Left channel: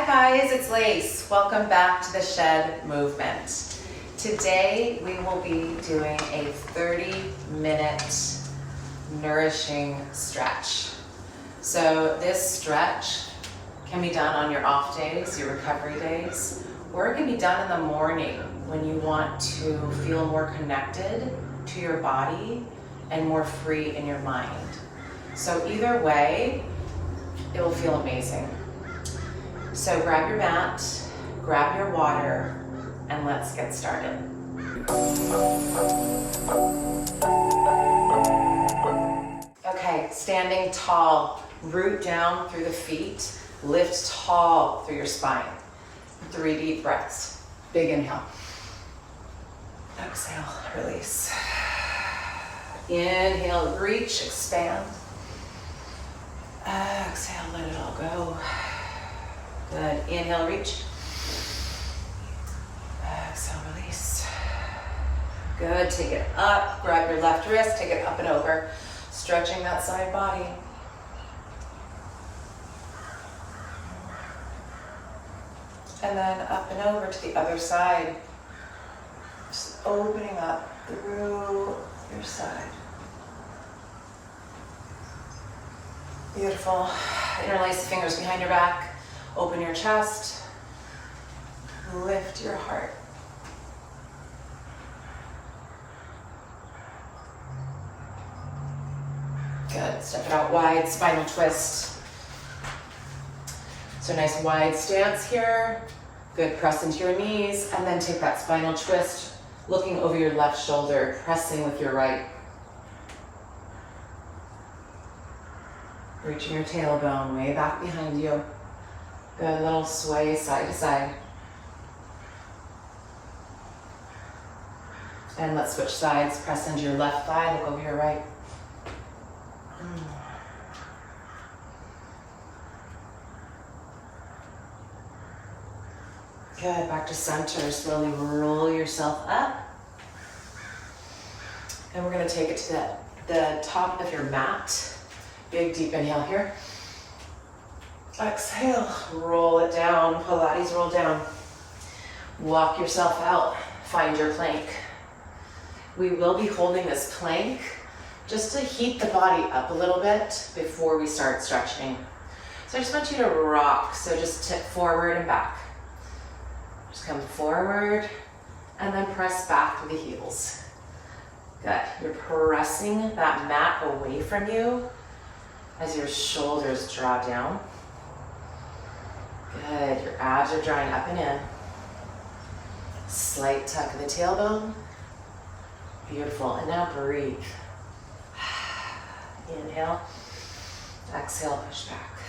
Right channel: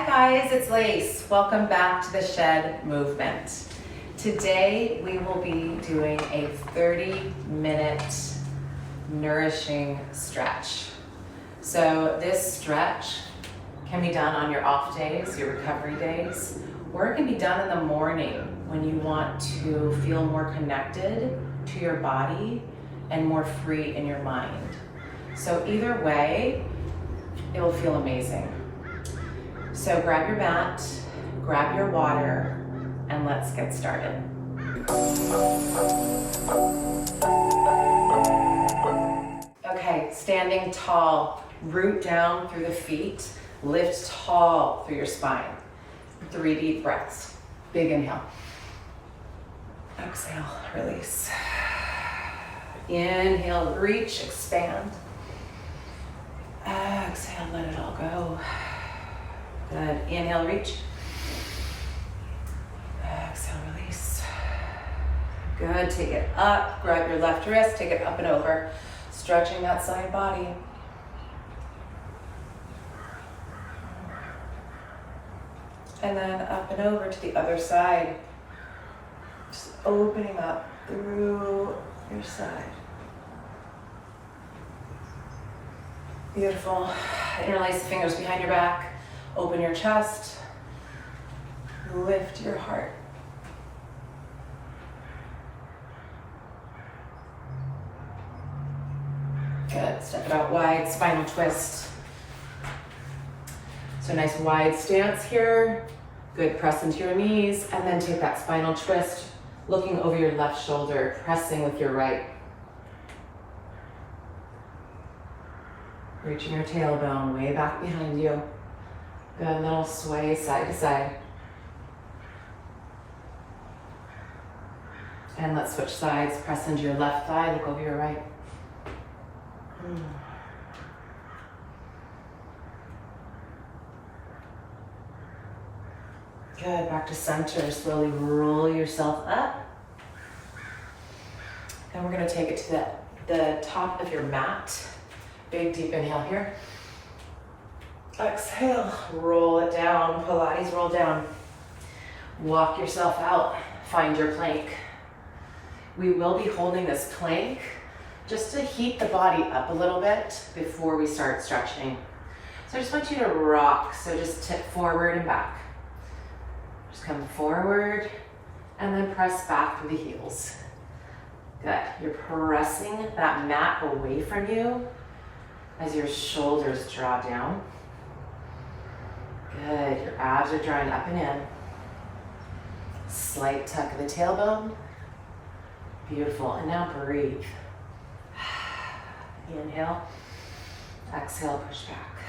Hi guys, it's Lace. Welcome back to the Shed Movement. Today we will be doing a 30-minute nourishing stretch. So this stretch can be done on your off days, your recovery days, or it can be done in the morning when you want to feel more connected to your body and more free in your mind. So either way, it will feel amazing. So grab your mat, grab your water, and let's get started. Okay, standing tall, root down through the feet, lift tall through your spine. 3 deep breaths. Big inhale. Exhale, release. Inhale, reach, expand. Exhale, let it all go. Good. Inhale, reach. Exhale, release. Good. Take it up. Grab your left wrist. Take it up and over. Stretching that side body. And then up and over to the other side. Just opening up through your side. Beautiful. Interlace the fingers behind your back. Open your chest, lift your heart. Good, step it out wide, spinal twist. So nice wide stance here. Good, press into your knees and then take that spinal twist, looking over your left shoulder, pressing with your right. Reaching your tailbone way back behind you. Good, little sway side to side. And let's switch sides. Press into your left thigh, look over your right. Good, back to center. Slowly roll yourself up. And we're gonna take it to the top of your mat. Big deep inhale here. Exhale, roll it down, Pilates roll down. Walk yourself out, find your plank. We will be holding this plank just to heat the body up a little bit before we start stretching. So I just want you to rock, so just tip forward and back. Just come forward and then press back through the heels. Good, you're pressing that mat away from you as your shoulders draw down. Good, your abs are drawing up and in. Slight tuck of the tailbone. Beautiful, and now breathe. Inhale, exhale, push back.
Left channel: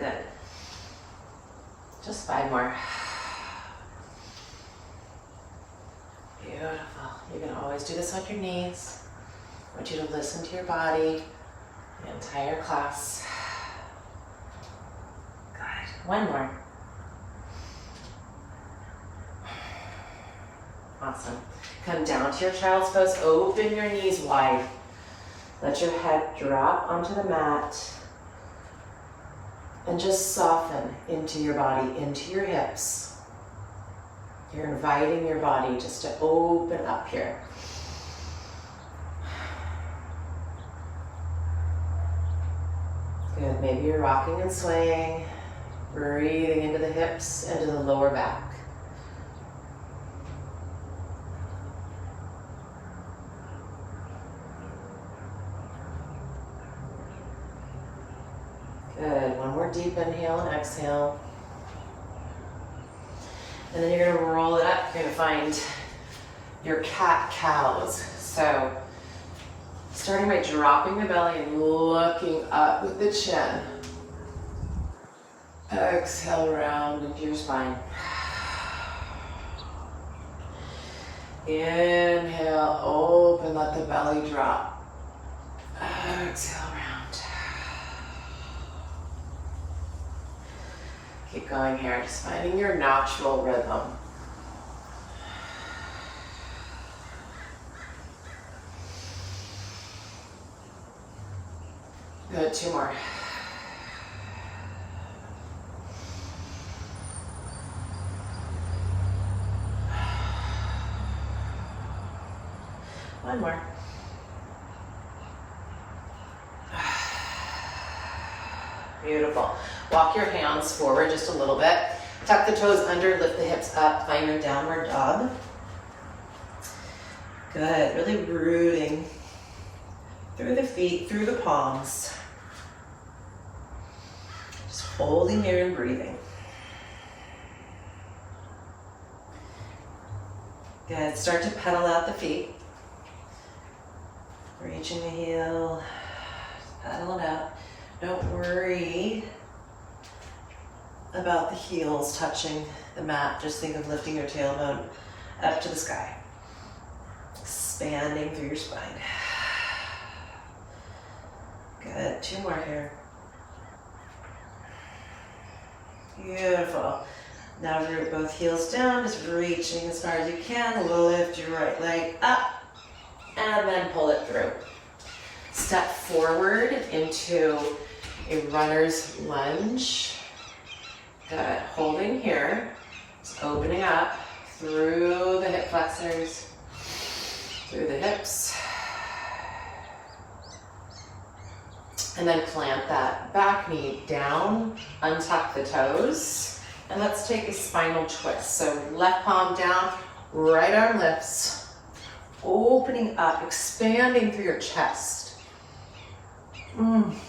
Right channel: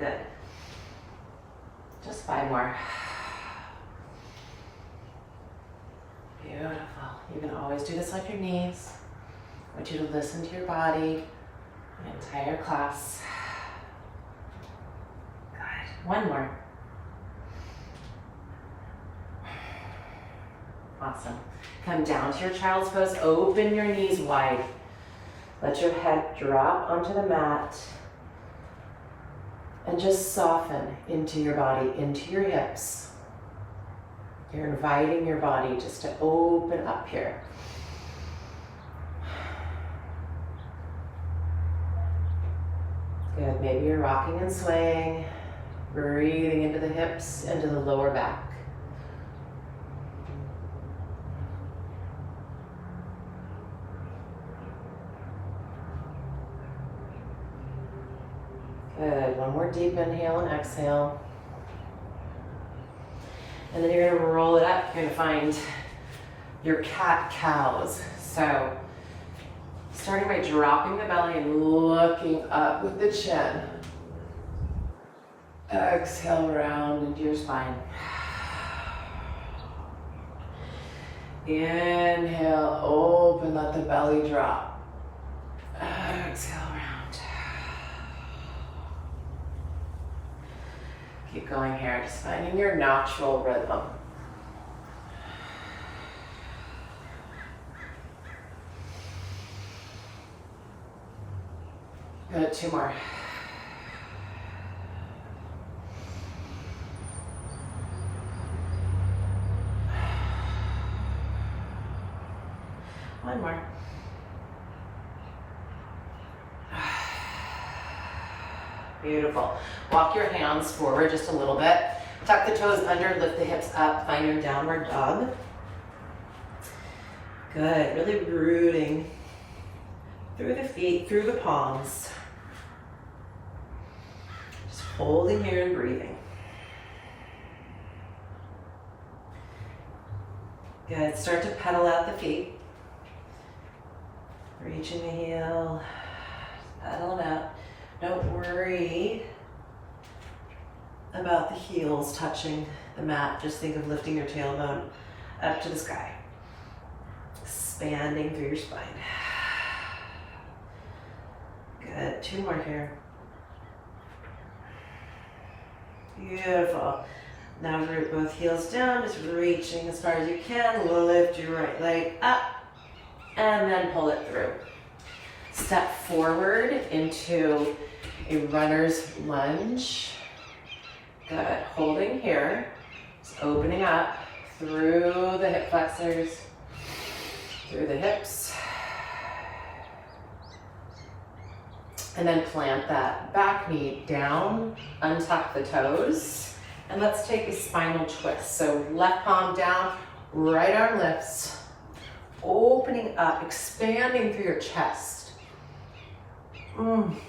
Good. Just 5 more. Beautiful. You can always do this on your knees. I want you to listen to your body the entire class. 1 more. Awesome. Come down to your child's pose. Open your knees wide. Let your head drop onto the mat. And just soften into your body, into your hips. You're inviting your body just to open up here. Good. Maybe you're rocking and swaying. Breathing into the hips, into the lower back. Good, 1 more deep inhale and exhale. And then you're gonna roll it up. You're gonna find your cat-cows. So, starting by dropping the belly and looking up with the chin. Exhale, round into your spine. Inhale, open, let the belly drop. Exhale, round. Keep going here, just finding your natural rhythm. Good, 2 more. One more. Beautiful. Walk your hands forward just a little bit. Tuck the toes under, lift the hips up, find your downward dog. Good, really rooting through the feet, through the palms. Just holding here and breathing. Good, start to pedal out the feet. Reaching the heel, pedal it out. Don't worry about the heels touching the mat. Just think of lifting your tailbone up to the sky. Expanding through your spine. Good, 2 more here. Beautiful. Now root both heels down, just reaching as far as you can. Lift your right leg up and then pull it through. Step forward into a runner's lunge. Good, holding here. Just opening up through the hip flexors, through the hips. And then plant that back knee down, untuck the toes, and let's take a spinal twist. So left palm down, right arm lifts, opening up, expanding through your chest. And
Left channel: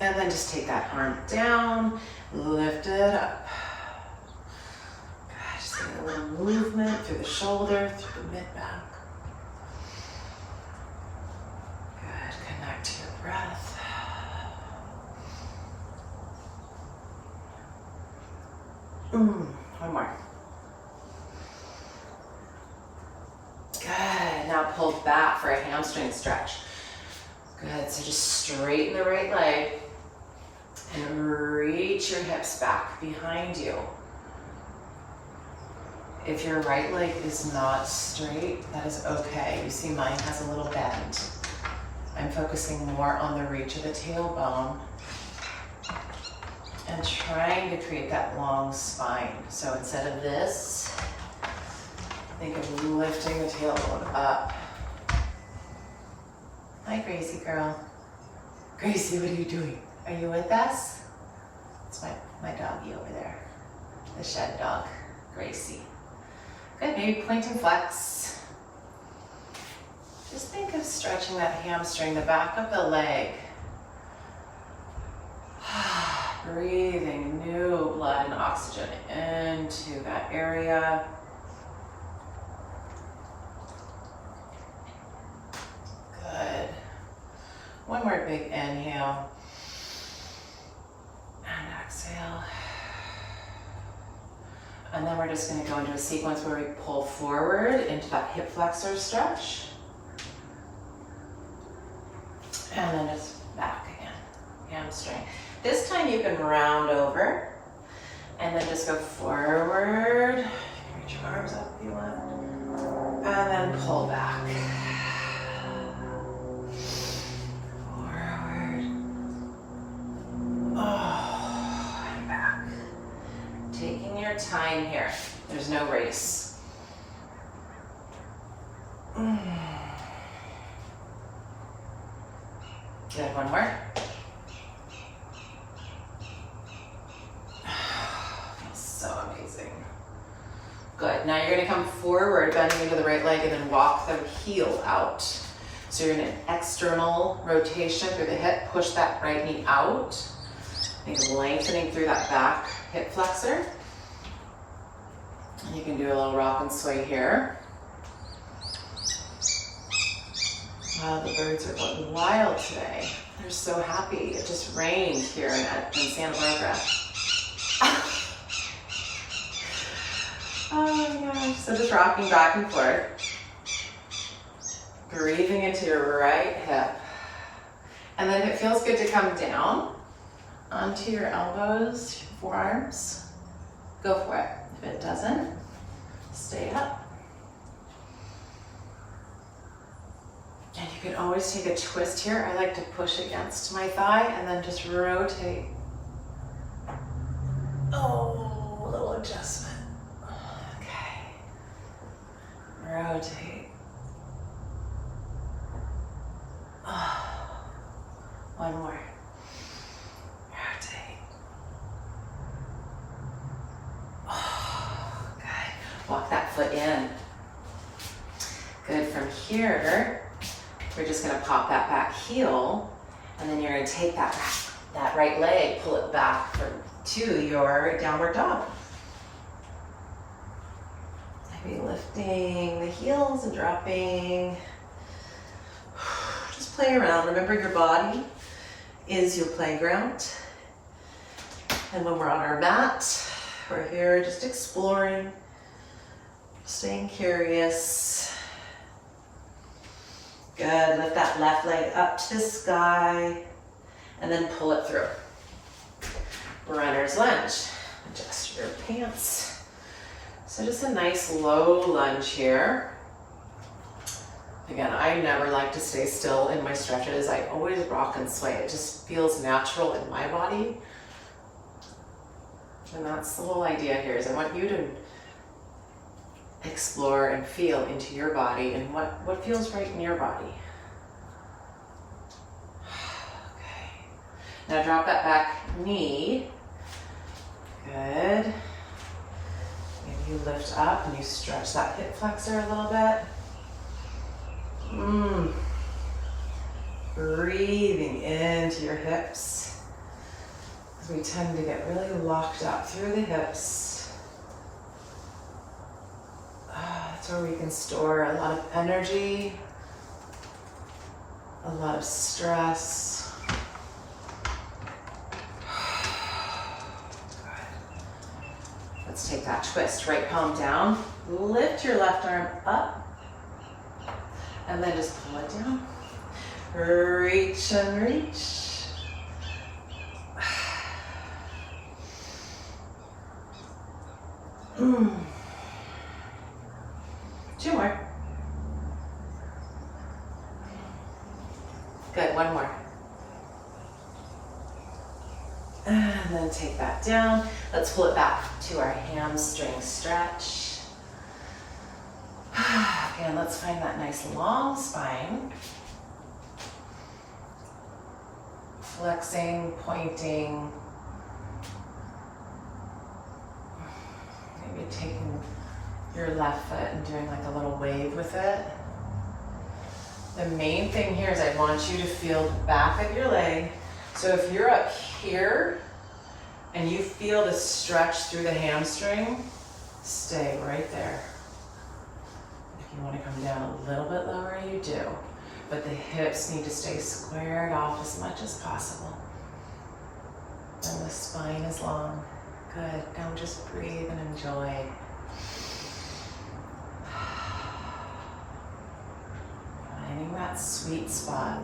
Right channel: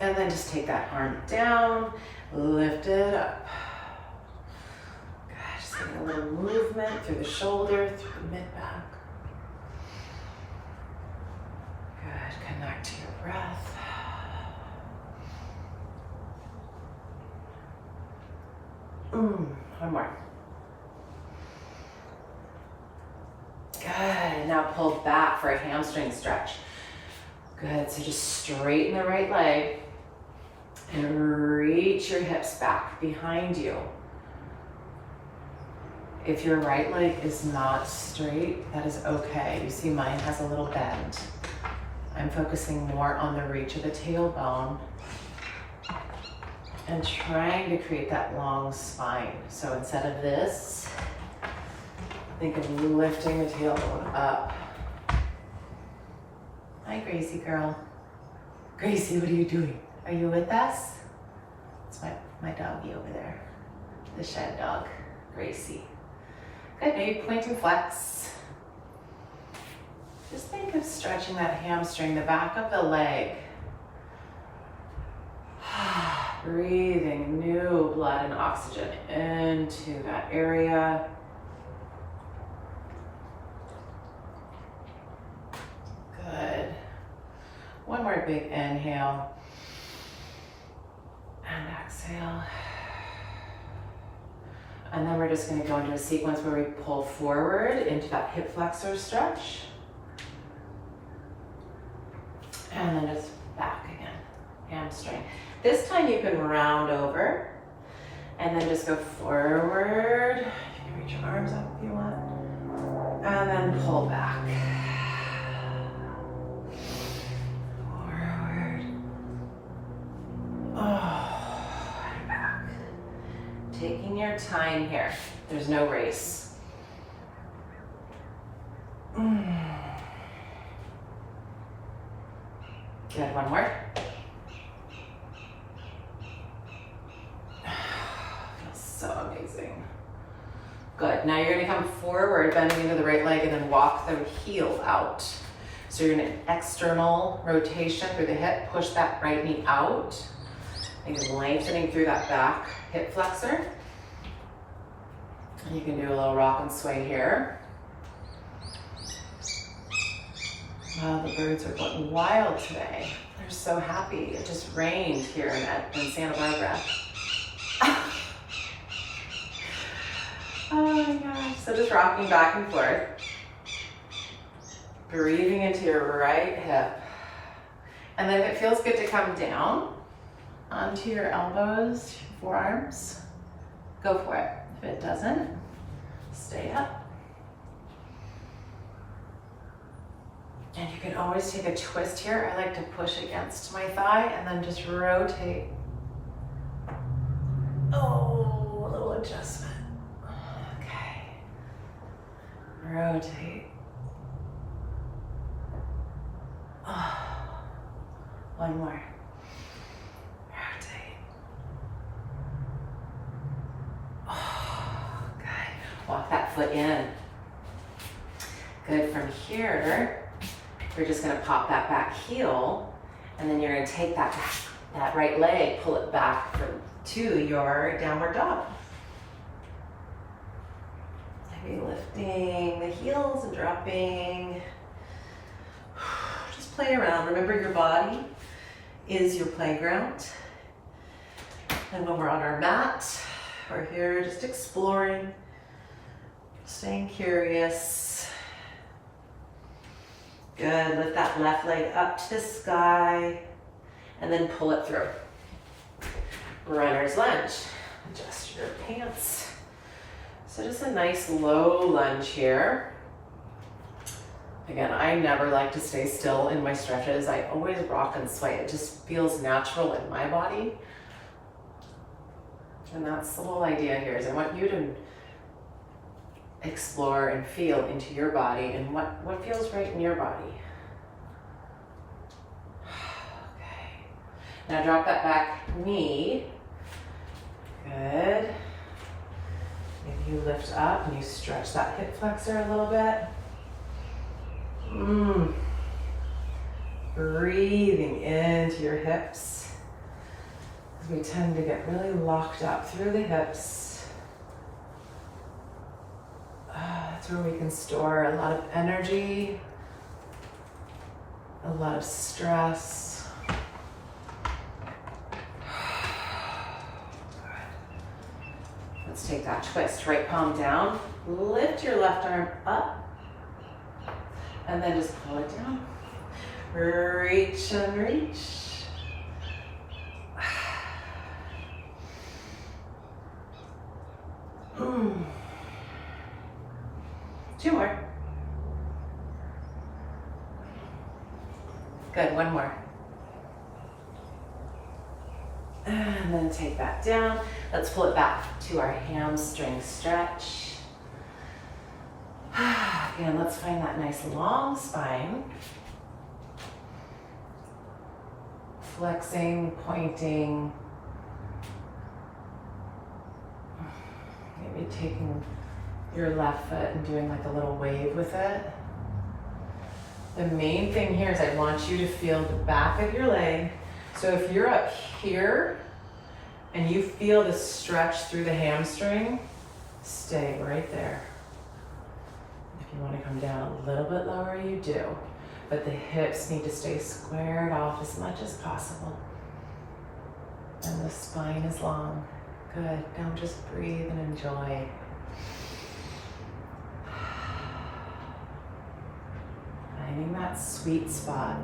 then just take that arm down, lift it up. Good, just getting a little movement through the shoulder, through the mid-back. Good, connect to your breath. One more. Good, now pull back for a hamstring stretch. Good, so just straighten the right leg and reach your hips back behind you. If your right leg is not straight, that is okay. You see mine has a little bend. I'm focusing more on the reach of the tailbone and trying to create that long spine. So instead of this, think of lifting the tailbone up. Hi, Gracie girl. Gracie, what are you doing? Are you with us? It's my doggy over there. The shed dog, Gracie. Good, maybe point and flex. Just think of stretching that hamstring, the back of the leg. Breathing new blood and oxygen into that area. Good. One more big inhale. And exhale. And then we're just going to go into a sequence where we pull forward into that hip flexor stretch. And then just back again, hamstring. This time you can round over and then just go forward. You can reach your arms up if you want. And then pull back. Taking your time here. There's no race. Good, one more. Feels so amazing. Good, now you're gonna come forward, bending into the right leg and then walk the heel out. So you're in an external rotation through the hip, push that right knee out. And lengthening through that back hip flexor. And you can do a little rock and sway here. Wow, the birds are going wild today. They're so happy. It just rained here in Santa Barbara. Oh my gosh. So just rocking back and forth. Breathing into your right hip. And then if it feels good to come down onto your elbows, forearms, go for it. If it doesn't, stay up. And you can always take a twist here. I like to push against my thigh and then just rotate. Oh, a little adjustment. Okay. Rotate. foot in. Good. From here, we're just gonna pop that back heel, and then you're gonna take that right leg, pull it back to your downward dog. Maybe lifting the heels and dropping. Just play around. Remember, your body is your playground. And when we're on our mat, we're here just exploring, staying curious. Good. Lift that left leg up to the sky and then pull it through. Runner's lunge. Adjust your pants. So just a nice low lunge here. Again, I never like to stay still in my stretches. I always rock and sway. It just feels natural in my body. And that's the whole idea here, is I want you to explore and feel into your body and what feels right in your body. Okay. Now drop that back knee. Good. Maybe you lift up and you stretch that hip flexor a little bit. Breathing into your hips. We tend to get really locked up through the hips. That's where we can store a lot of energy, a lot of stress. Good. Let's take that twist. Right palm down. Lift your left arm up. And then just pull it down. Reach and reach. 2 more. Good, 1 more. And then take that down. Let's pull it back to our hamstring stretch. Again, let's find that nice long spine. Flexing, pointing. Maybe taking your left foot and doing like a little wave with it. The main thing here is I want you to feel the back of your leg. So if you're up here and you feel the stretch through the hamstring, stay right there. If you want to come down a little bit lower, you do. But the hips need to stay squared off as much as possible. And the spine is long. Good. Now just breathe and enjoy. Finding that sweet spot.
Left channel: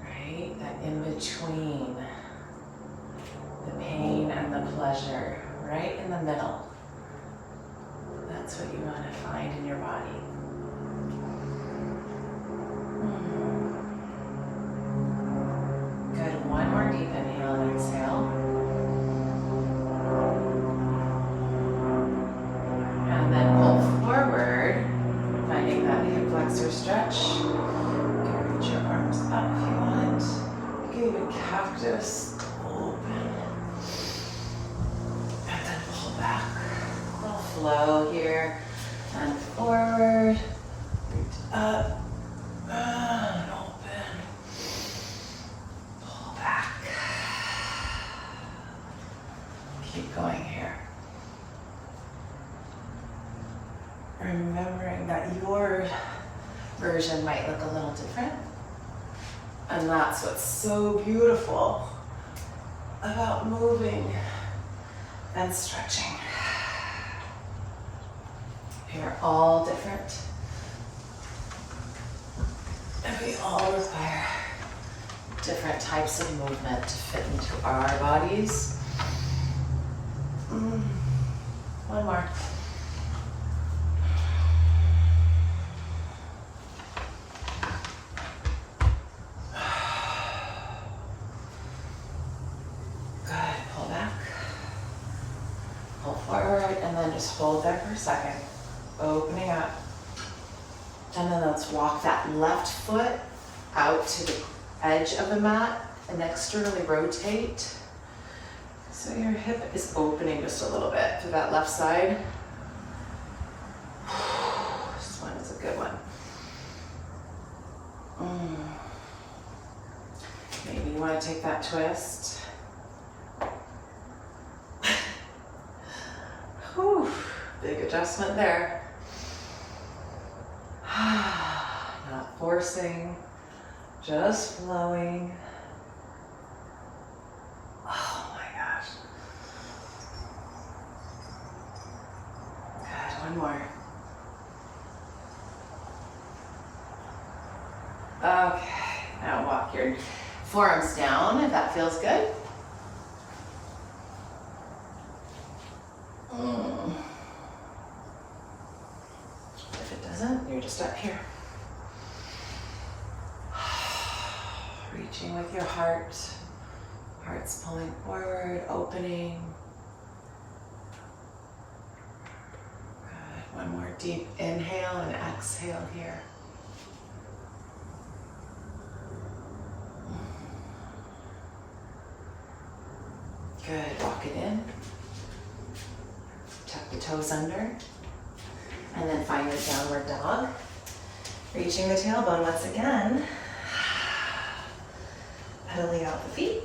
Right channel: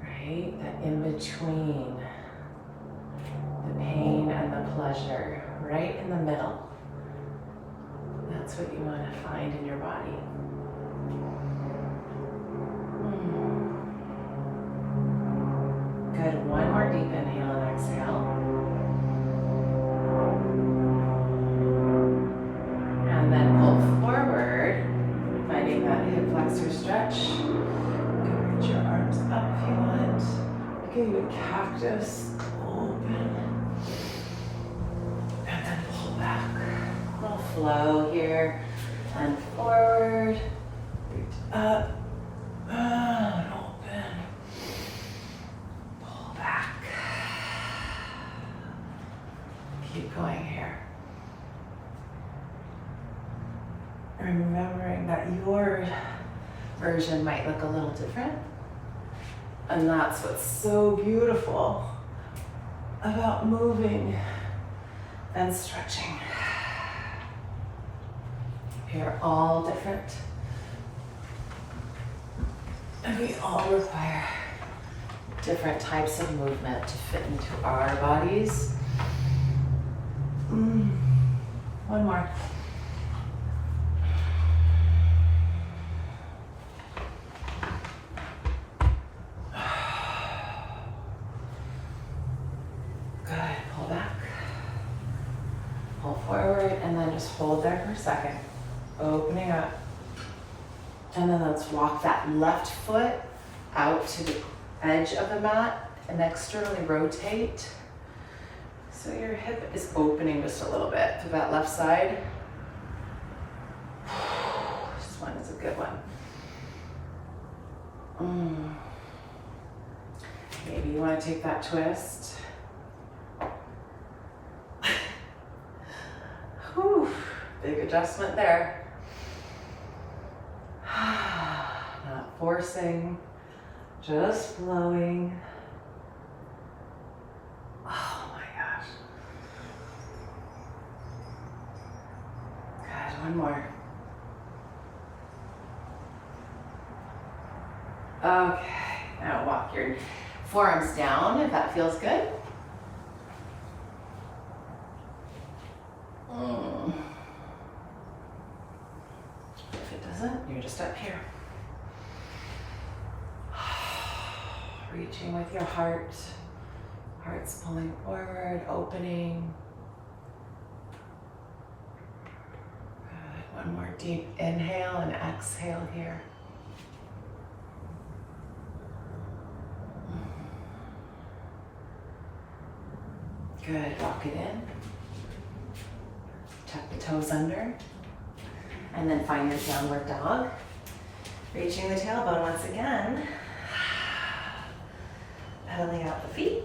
Right? That in between the pain and the pleasure. Right in the middle. That's what you want to find in your body. Good. 1 more deep inhale and exhale. And then pull forward, finding that hip flexor stretch. You can reach your arms up if you want. You can do cactus, open. And then pull back. A little flow here. And forward, reach up, and open. Pull back. Keep going here. Remembering that your version might look a little different. And that's what's so beautiful about moving and stretching. We are all different. And we all require different types of movement to fit into our bodies. 1 more. Good, pull back. Pull forward and then just hold there for a second. Opening up. And then let's walk that left foot out to the edge of the mat and externally rotate. So your hip is opening just a little bit to that left side. Maybe you want to take that twist. Whew, big adjustment there. Not forcing, just flowing. Oh my gosh. Good, one more. Okay, now walk your forearms down if that feels good. If it doesn't, you're just up here. Reaching with your heart. Heart's pulling forward, opening. Good. One more deep inhale and exhale here. Good, walk it in. Tuck the toes under. And then find your downward dog. Reaching the tailbone once again. Pedaling out the feet.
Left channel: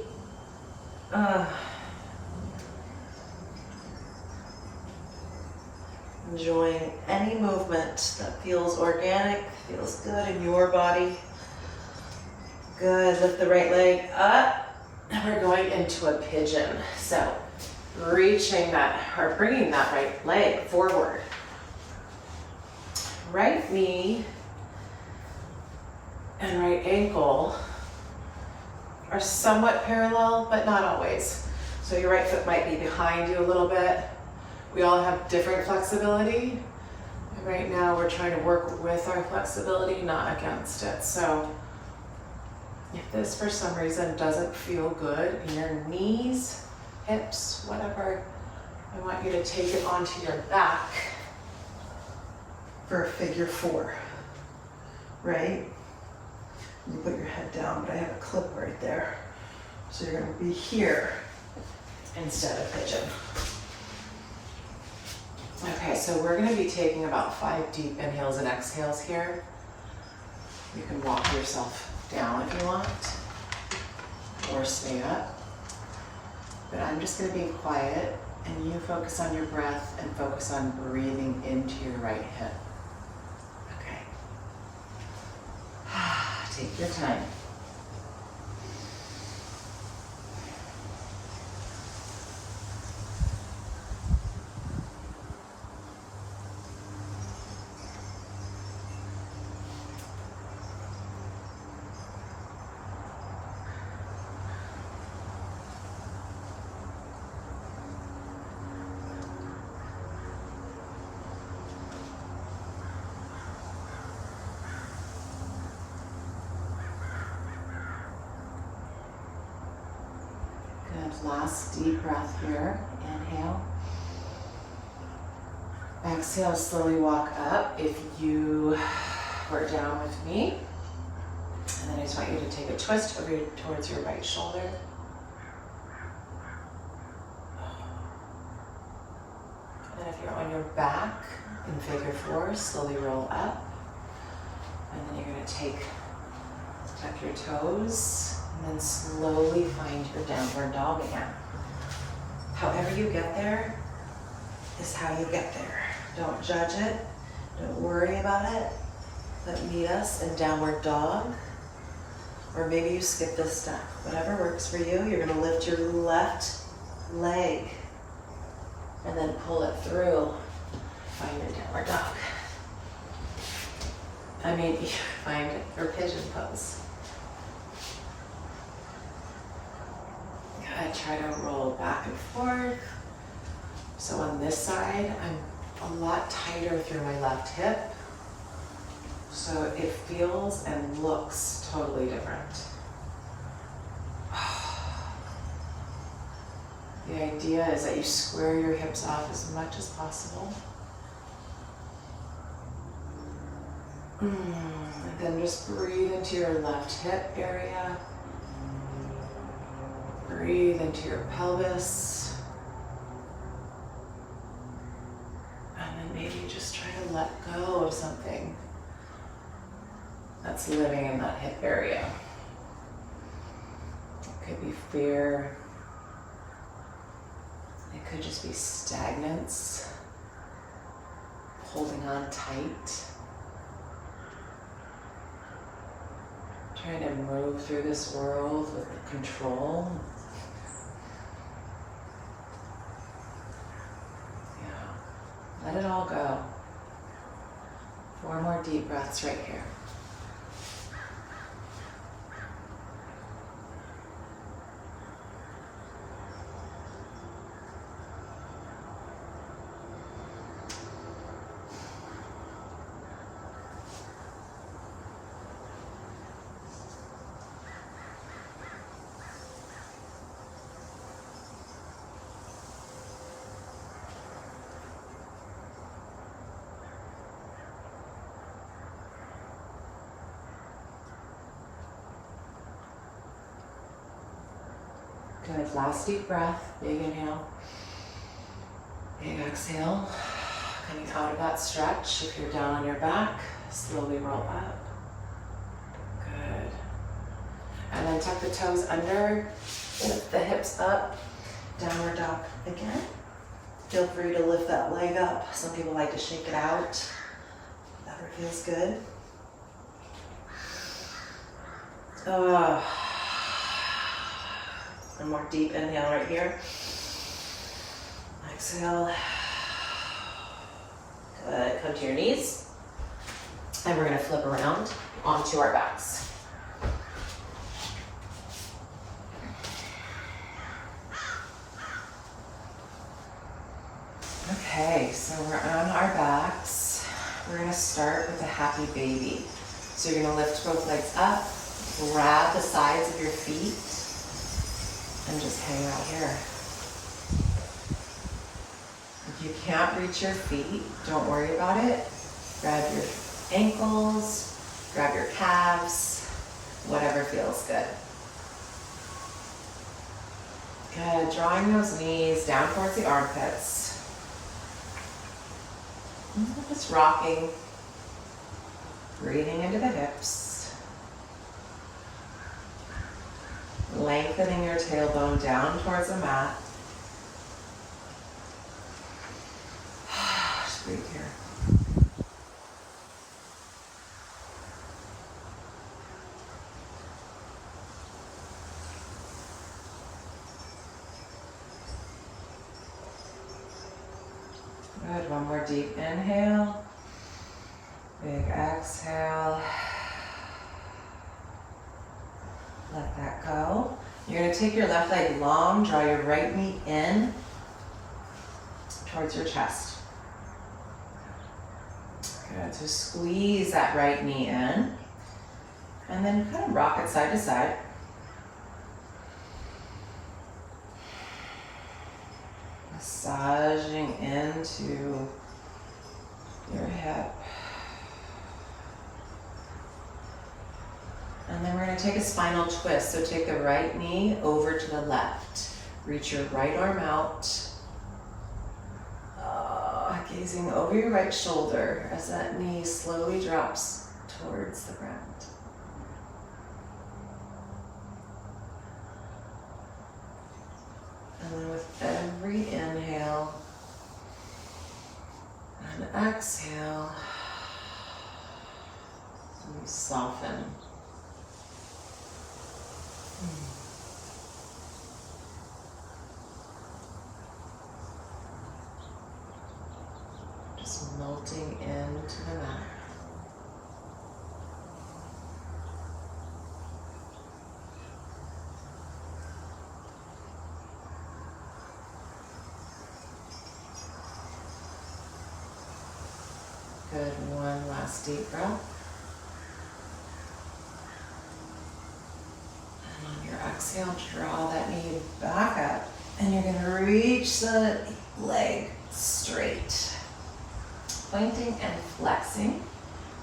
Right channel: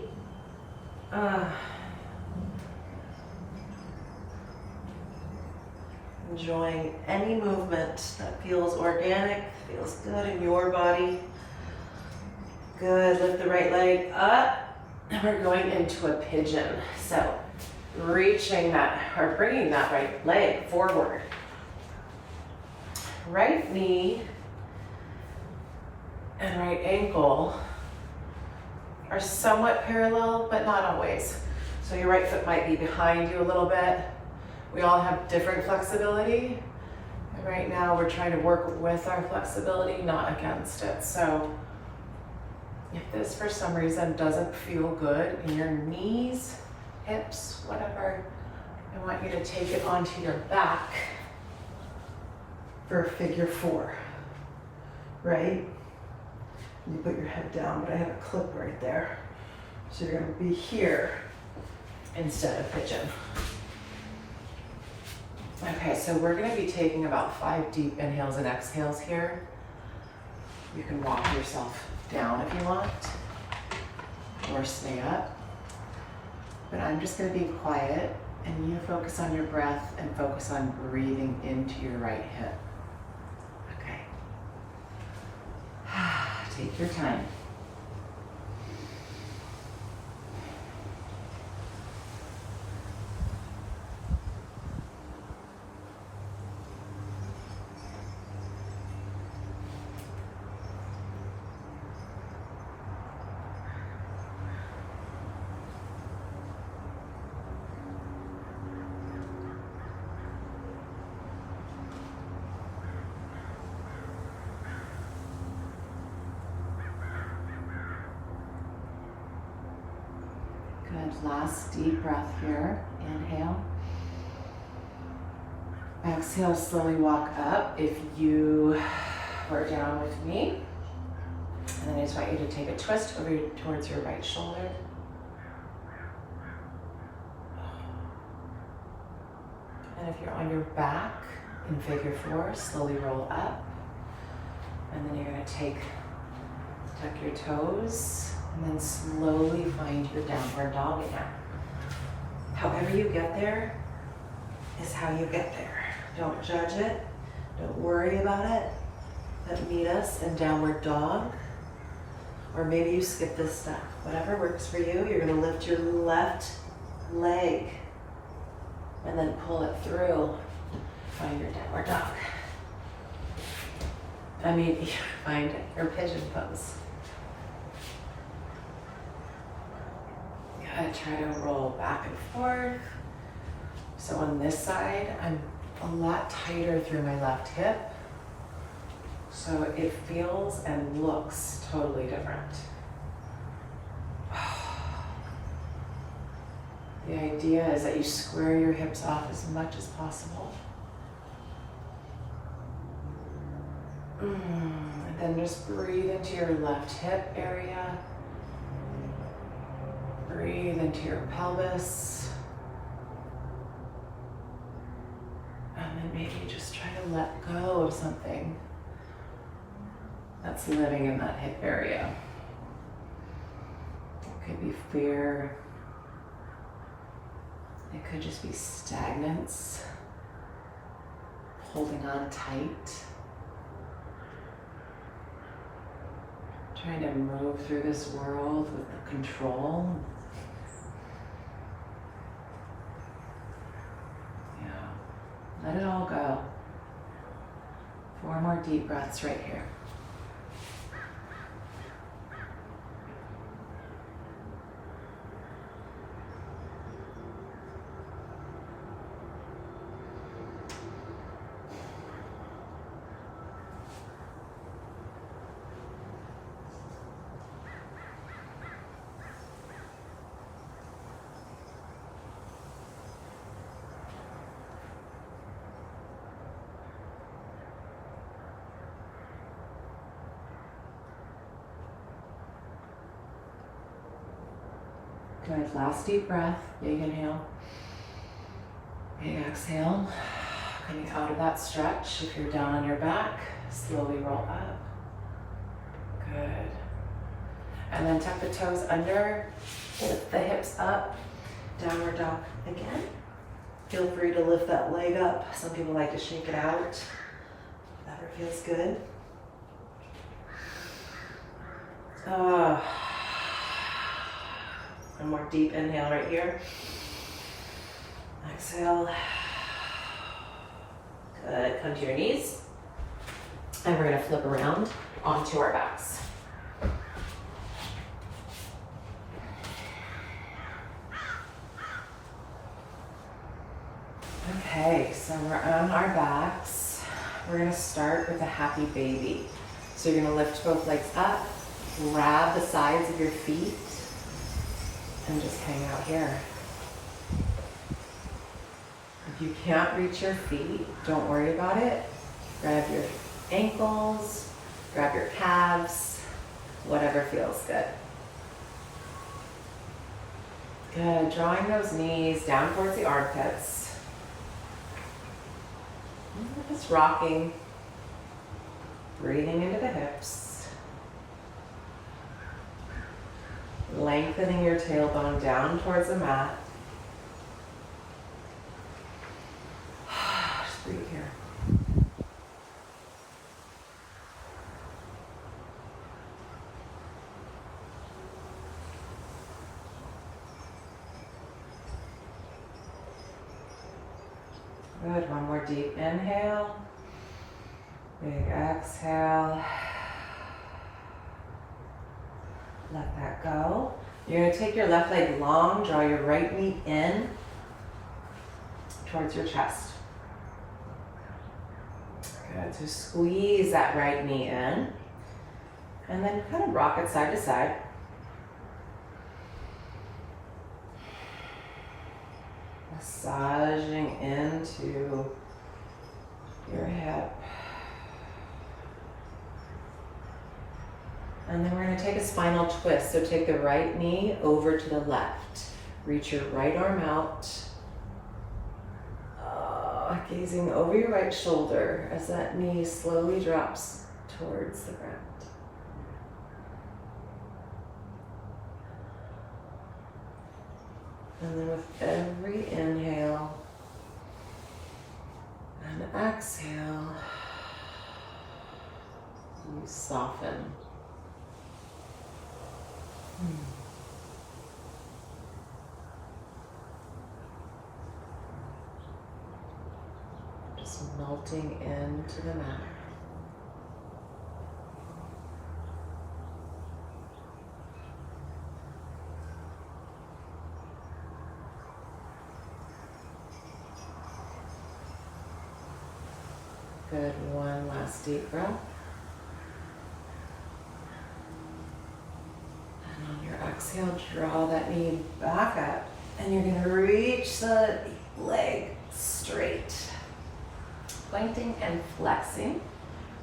Enjoying any movement that feels organic, feels good in your body. Good, lift the right leg up. And we're going into a pigeon. So reaching that, or bringing that right leg forward. Right knee and right ankle are somewhat parallel, but not always. So your right foot might be behind you a little bit. We all have different flexibility. And right now we're trying to work with our flexibility, not against it. So if this for some reason doesn't feel good in your knees, hips, whatever, I want you to take it onto your back for a figure four, right? You put your head down, but I have a clip right there. So you're gonna be here instead of pigeon. Okay, so we're gonna be taking about 5 deep inhales and exhales here. You can walk yourself down if you want, or stay up. But I'm just gonna be quiet and you focus on your breath and focus on breathing into your right hip. Okay. Take your time. Good, last deep breath here. Inhale. Exhale, slowly walk up if you were down with me. And then I just want you to take a twist over towards your right shoulder. And if you're on your back in figure four, slowly roll up. And then you're gonna tuck your toes, and then slowly find your downward dog again. However you get there is how you get there. Don't judge it, don't worry about it, but meet us in downward dog. Or maybe you skip this step. Whatever works for you, you're gonna lift your left leg and then pull it through. Find your downward dog. Find your pigeon pose. Good, try to roll back and forth. So on this side, I'm a lot tighter through my left hip. So it feels and looks totally different. The idea is that you square your hips off as much as possible. And then just breathe into your left hip area. Breathe into your pelvis. And then maybe just try to let go of something. that's living in that hip area. It could be fear. It could just be stagnance, holding on tight, trying to move through this world with control. Yeah, let it all go. 4 more deep breaths right here. Good, last deep breath, big inhale, big exhale. Coming out of that stretch, if you're down on your back, slowly roll up. Good. And then tuck the toes under, lift the hips up, downward dog again. Feel free to lift that leg up. Some people like to shake it out. Whatever feels good. One more deep inhale right here. Exhale. Good, come to your knees. And we're gonna flip around onto our backs. Okay, so we're on our backs. We're gonna start with a happy baby. So you're gonna lift both legs up, grab the sides of your feet, and just hang out here. If you can't reach your feet, don't worry about it. Grab your ankles, grab your calves, whatever feels good. Good, drawing those knees down towards the armpits. Just rocking, breathing into the hips. Lengthening your tailbone down towards the mat. Just breathe here. Good, one more deep inhale. Big exhale. Let that go. You're gonna take your left leg long, draw your right knee in towards your chest. Good, so squeeze that right knee in. And then kind of rock it side to side. Massaging into your hip. And then we're going to take a spinal twist. So take the right knee over to the left. Reach your right arm out. Gazing over your right shoulder as that knee slowly drops towards the ground. And then with every inhale and exhale, you soften. Just melting into the mat. Good, one last deep breath. And on your exhale, draw that knee back up. And you're gonna reach the leg straight. Pointing and flexing,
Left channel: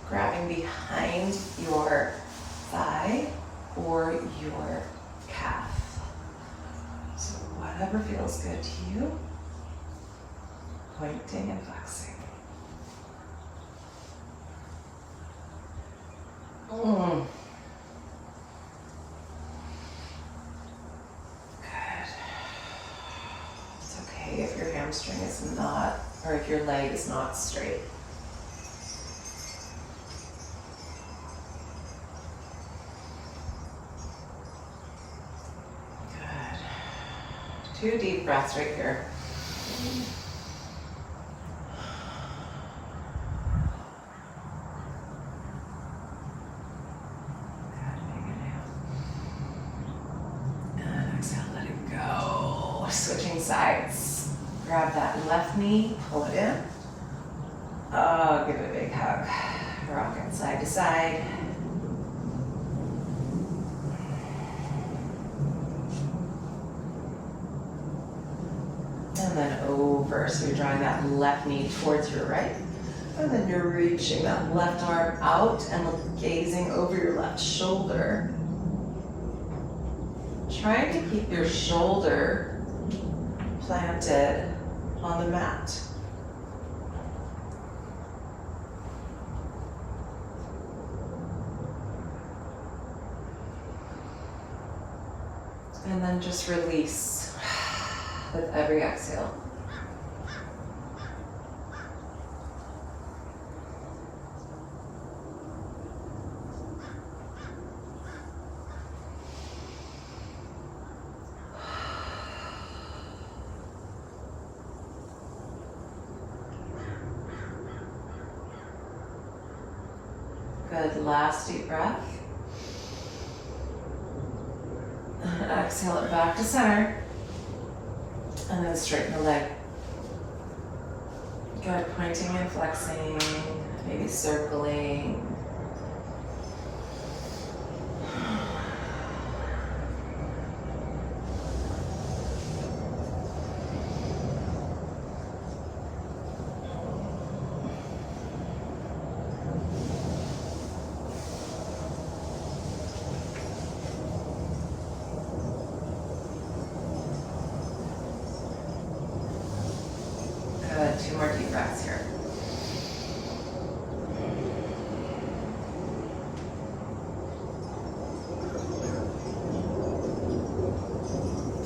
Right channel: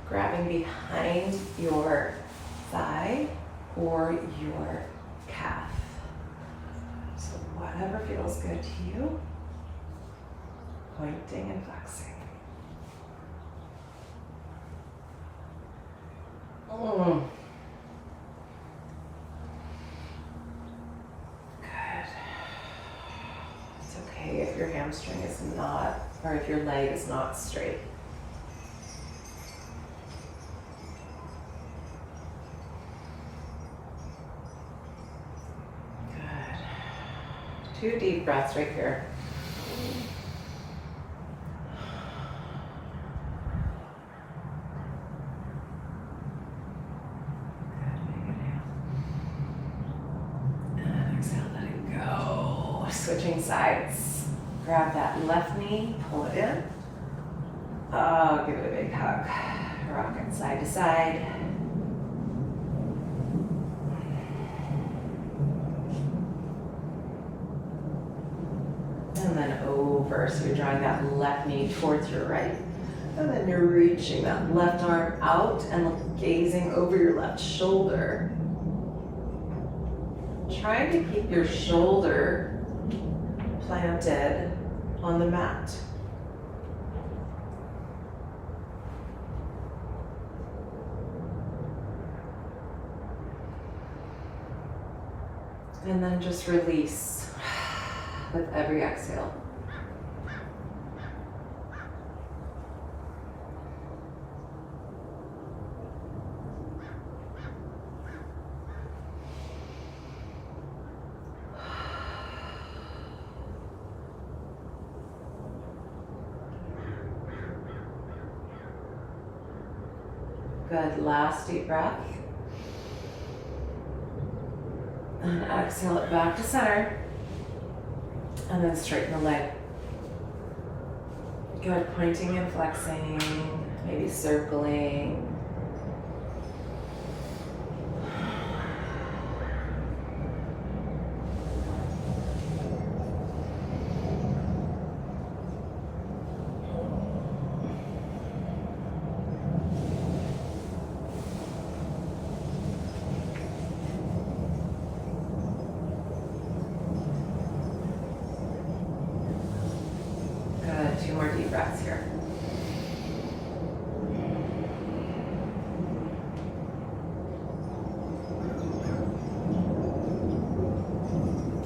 grabbing behind your thigh or your calf. So whatever feels good to you, pointing and flexing. Mm. Good. It's okay if your hamstring is not, or if your leg is not straight. Good. 2 deep breaths right here. Switching sides. Grab that left knee, pull it in. Oh, give it a big hug. Rocking side to side. And then over. So you're drawing that left knee towards your right. And then you're reaching that left arm out and gazing over your left shoulder. Trying to keep your shoulder planted on the mat. And then just release with every exhale. Good, last deep breath. And exhale it back to center. And then straighten the leg. Good, pointing and flexing, maybe circling. Good, 2 more deep breaths here.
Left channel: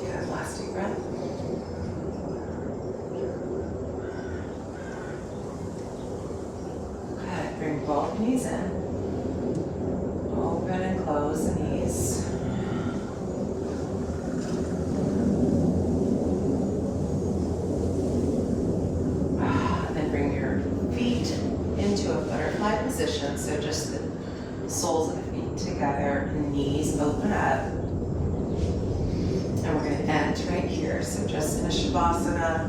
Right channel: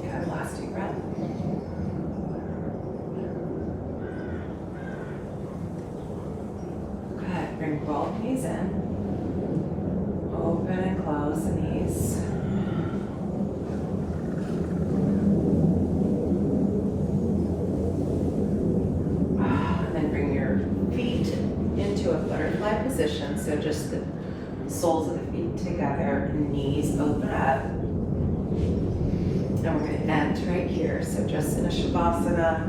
Good, last deep breath. Good, bring both knees in. Open and close the knees. Position, so just the soles of the feet together, knees open up, and we're going to end right here. So just in a shavasana,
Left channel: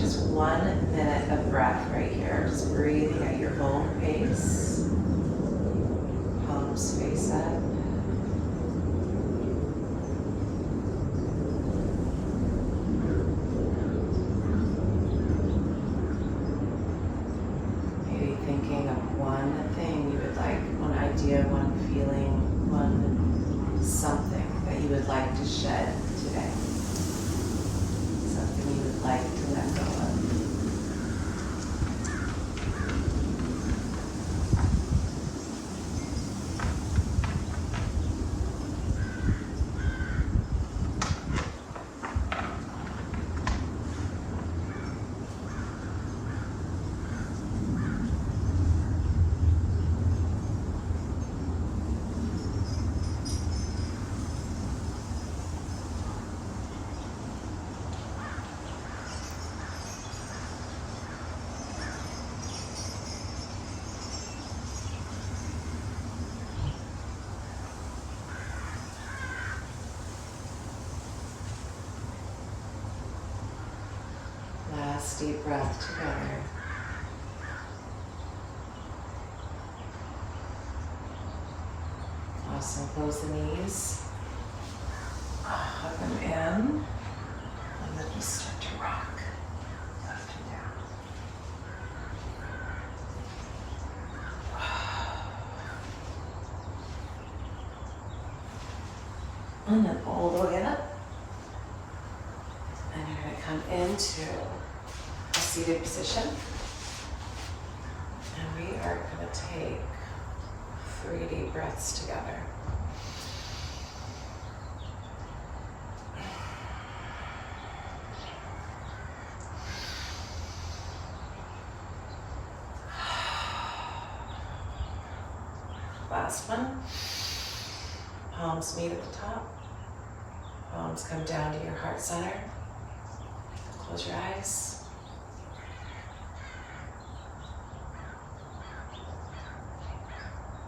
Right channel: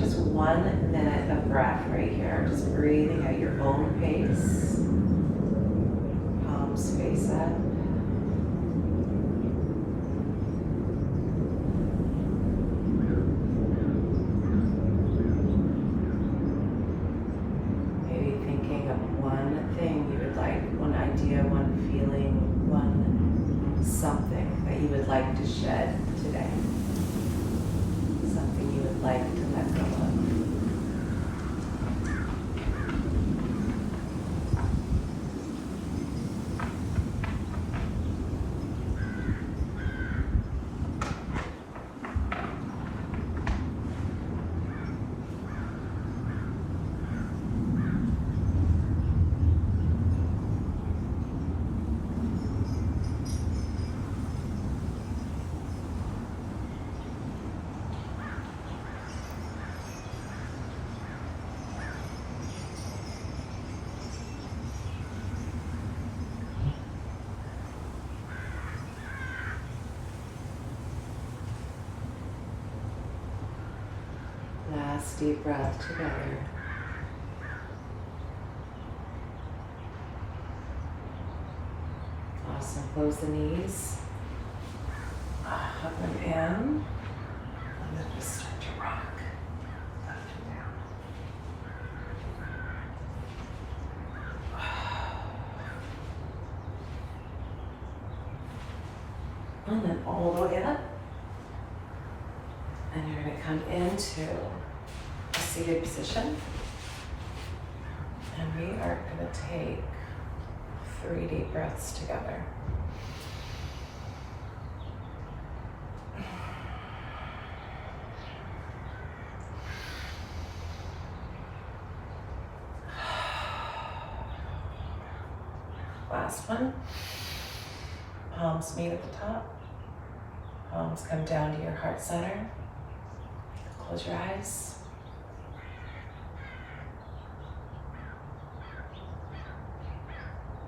just 1 minute of breath right here, just breathing at your own pace, palms face up. One feeling, one something that you would like to shed today. Something you would like to let go of. Last deep breath together. Awesome. Close the knees. Up and in. And then just start to rock. Up and down. And then all the way up. And you're going to come into a seated position. And we are going to take 3 deep breaths together. Last one. Palms meet at the top. Palms come down to your heart center. Close your eyes.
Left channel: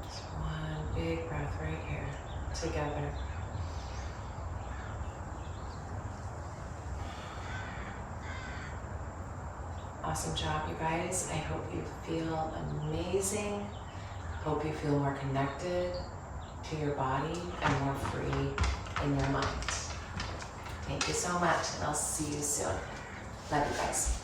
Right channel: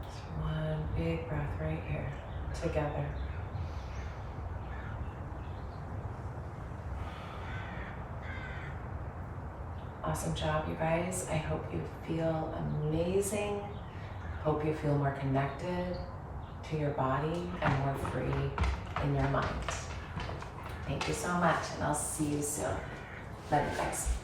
Just one big breath right here, together. Awesome job, you guys. I hope you feel amazing. Hope you feel more connected to your body and more free in your mind. Thank you so much, and I'll see you soon. Love you guys.